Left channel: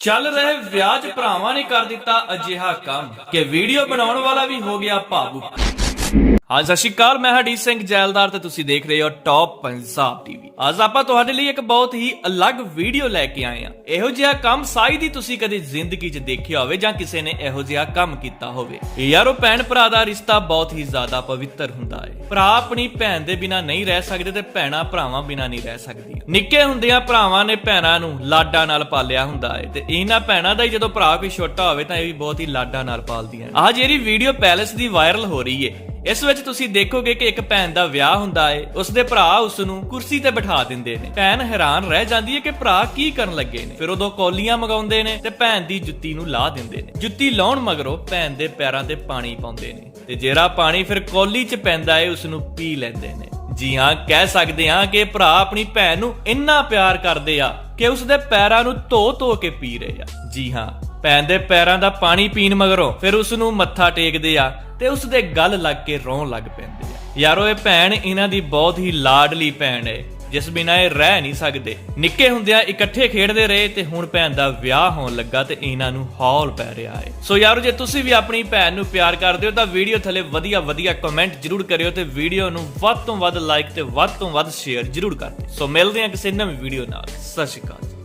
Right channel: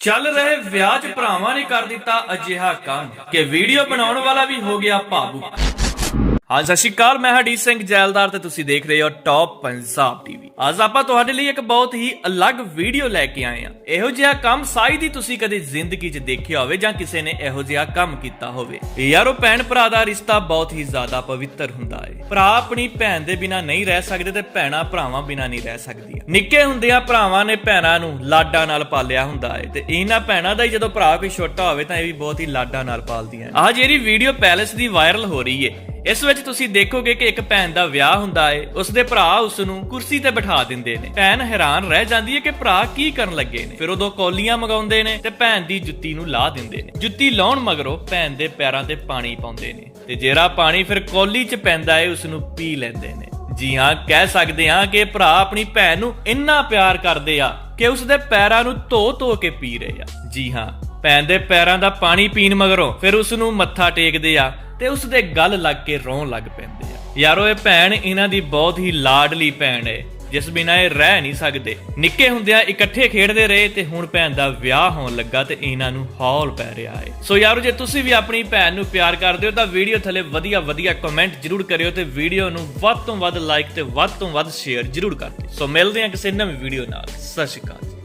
ਚੱਲ ਰਹੇ ਵਿਆਜ ਭਰਾਵਾਂ ਨੇ ਕਰ ਦਿੱਤਾ ਅਜਿਹਾ ਕੰਮ, ਕਿ ਵੀਡੀਓ ਬਣਾਉਣ ਵਾਲਾ ਵੀ ਹੋ ਗਿਆ ਭਾਵੁਕ। ਹਾਂ ਸਤਿ ਸ਼੍ਰੀ ਅਕਾਲ, ਮੈਂ ਹਰਦੀਪ ਸਿੰਘ ਜੈਲਦਾਰ ਤੇ ਤੁਸੀਂ ਦੇਖ ਰਹੇ ਹੋ ਟੌਪ ਪੰਜਾਬ ਟੀਵੀ ਅੱਜ ਆਪਾਂ ਤੁਹਾਡੇ ਲਈ ਇੱਕ ਬਹੁਤ ਹੀ ਅਲੱਗ ਵੀਡੀਓ ਲੈ ਕੇ ਆਏ ਆ ਇਹੋ ਜਿਹਾ ਕੰਮ ਸਾਇਦ ਹੀ ਤੁਸੀਂ ਕਦੇ ਜ਼ਿੰਦਗੀ 'ਚ ਦੇਖਿਆ ਹੋਵੇ ਜਾਂ ਕਿਸੇ ਨੇ ਇਹੋ ਜਿਹਾ ਕੰਮ ਕੀਤਾ ਹੋਵੇ। ਯਾਰੋ, ਭੈਣ ਭਰਾ ਦਾ ਰਿਸ਼ਤਾ ਬਹੁਤ ਹੀ ਜ਼ਿਆਦਾ ਪਵਿੱਤਰ ਹੁੰਦਾ ਹੈ ਭਰਾ ਆਪਣੀ ਭੈਣ ਦੇ ਬਿਨਾ ਨਹੀਂ ਰਹਿ ਸਕਦੇ ਤੇ ਭੈਣਾਂ ਭਰਾਵਾਂ ਬਿਨਾ ਨਹੀਂ ਰਹਿ ਸਕਦੀਆਂ। ਨਿੱਕੇ ਹੁੰਦਿਆਂ ਭਰਾਵਾਂ ਨੇ ਭੈਣਾਂ ਨੂੰ ਲਾਡਾਂ ਨਾਲ ਪਾਲਿਆ ਹੁੰਦਾ ਹੈ ਤੇ ਇਹਨਾਂ ਭੈਣਾਂ ਦਾ ਹੀ ਜਦੋਂ ਭਰਾ ਕੋਈ ਛੋਟਾ ਹੋਵੇ ਤਾਂ ਇਹ ਵੀ ਬਹੁਤ ਹੀ ਲਾਡਾਂ ਨਾਲ ਪਾਲਦੀਆਂ ਆਹ ਜਿਹੜੀ ਵੀਡੀਓ ਪੈਲਸ ਦੀ ਵਾਇਰਲ ਹੋ ਰਹੀ ਹੈ ਇਸ ਵਿੱਚ ਤੁਸੀਂ ਦੇਖੋਗੇ ਕਿ ਇੱਕ ਭੈਣ ਦਾ ਵਿਆਹ ਹੁੰਦਾ ਹੈ ਉਸਦੇ ਭਰਾ ਉਸ ਨੂੰ ਕੁਰਸੀ ਤੇ ਬਿਠਾ ਦਿੰਦੇ ਨੇ। ਭੈਣ ਹੈਰਾਨ ਰਹਿ ਜਾਂਦੀ ਹੈ ਕਿ ਭਰਾ ਕੀ ਕਰਨ ਲੱਗੇ ਨੇ। ਫਿਰ ਉਦੋਂ ਕੌਲੀਆਂ ਮਗਾਉਂਦੇ ਨੇ ਤੇ ਭੈਣ ਦੀ ਜੁੱਤੀ ਨੂੰ ਲਾ ਦਿੰਦੇ ਨੇ। ਜੁੱਤੀ ਲਾਉਣ ਮਗਰੋਂ ਭੈਣ ਦੇ ਪੈਰਾਂ ਤੇ ਪਾਣੀ ਪਾਉਂਦੇ ਨੇ ਤੇ ਜਿਹੜਾ ਪਾਣੀ ਫਿਰ ਕੌਲੀ 'ਚ ਪੈਂਦਾ ਹੈ ਉਸ ਨੂੰ ਪੀ ਲੈਂਦੇ ਨੇ। ਜੀ ਹਾਂ, ਕਹਿ ਸਕਦੇ ਹਾਂ ਕਿ ਭਰਾ ਆਪਣੀ ਭੈਣ ਨੂੰ ਇੰਨਾ ਪਿਆਰ ਕਰਦੇ ਆ ਕਿ ਉਸ ਦੇ ਪੈਰਾਂ ਨੂੰ ਧੋ ਧੋ ਕੇ ਪੀ ਰਹੇ ਆ। ਜੀ ਹਾਂ, ਭੈਣ ਦੇ ਪੈਰਾਂ ਦਾ ਪਾਣੀ ਪੀਣ ਮਗਰੋਂ ਫਿਰ ਉਸ ਨੂੰ ਮੱਥਾ ਟੇਕਦੇ ਆ ਤੇ ਉਸ ਦੇ ਗਲ ਲੱਗ ਕੇ ਰੋਣ ਲੱਗ ਪੈਂਦੇ ਆ। ਯਾਰੋ, ਇਹ ਭੈਣ ਇਹਨਾਂ ਦੀ ਬਹੁਤ ਹੀ ਲਾਡਲੀ ਭੈਣ ਹੈ ਜਿਸ ਬਿਨਾਂ ਇਹ ਰਹਿ ਨਹੀਂ ਸਕਦੇ। ਨਿੱਕੇ ਹੁੰਦਿਆਂ ਇਕੱਠੇ ਖੇਡਦੇ ਰਹੇ ਤੇ ਹੁਣ ਭੈਣ ਦਾ ਵਿਆਹ ਹੋਣ ਲੱਗਾ ਤੇ ਇਹਨਾਂ ਨੂੰ ਹੌਲ ਪੈ ਰਿਹਾ ਹੈ ਸੋ ਯਾਰੋ, ਜੇ ਤੁਸੀਂ ਵੀ ਆਪਣੀ ਭੈਣ ਨੂੰ ਪਿਆਰ ਕਰਦੇ ਹੋ, ਤਾਂ ਵੀਡੀਓ ਥੱਲੇ ਵਧੀਆ ਵਧੀਆ ਕਮੈਂਟ ਜਰੂਰ ਕਰਿਓ ਤੇ ਵੀਡੀਓ ਨੂੰ ਵੱਧ ਤੋਂ ਵੱਧ ਲਾਈਕ ਤੇ ਵੱਧ ਤੋਂ ਵੱਧ ਸ਼ੇਅਰ ਜਰੂਰ ਕਰ ਦਿਓ। ਸੋ ਮਿਲਦੇ ਹਾਂ ਕਿਸੇ ਨਵੀਂ ਵੀਡੀਓ ਨਾਲ। ਸਤਿ ਸ਼੍ਰੀ ਅਕਾਲ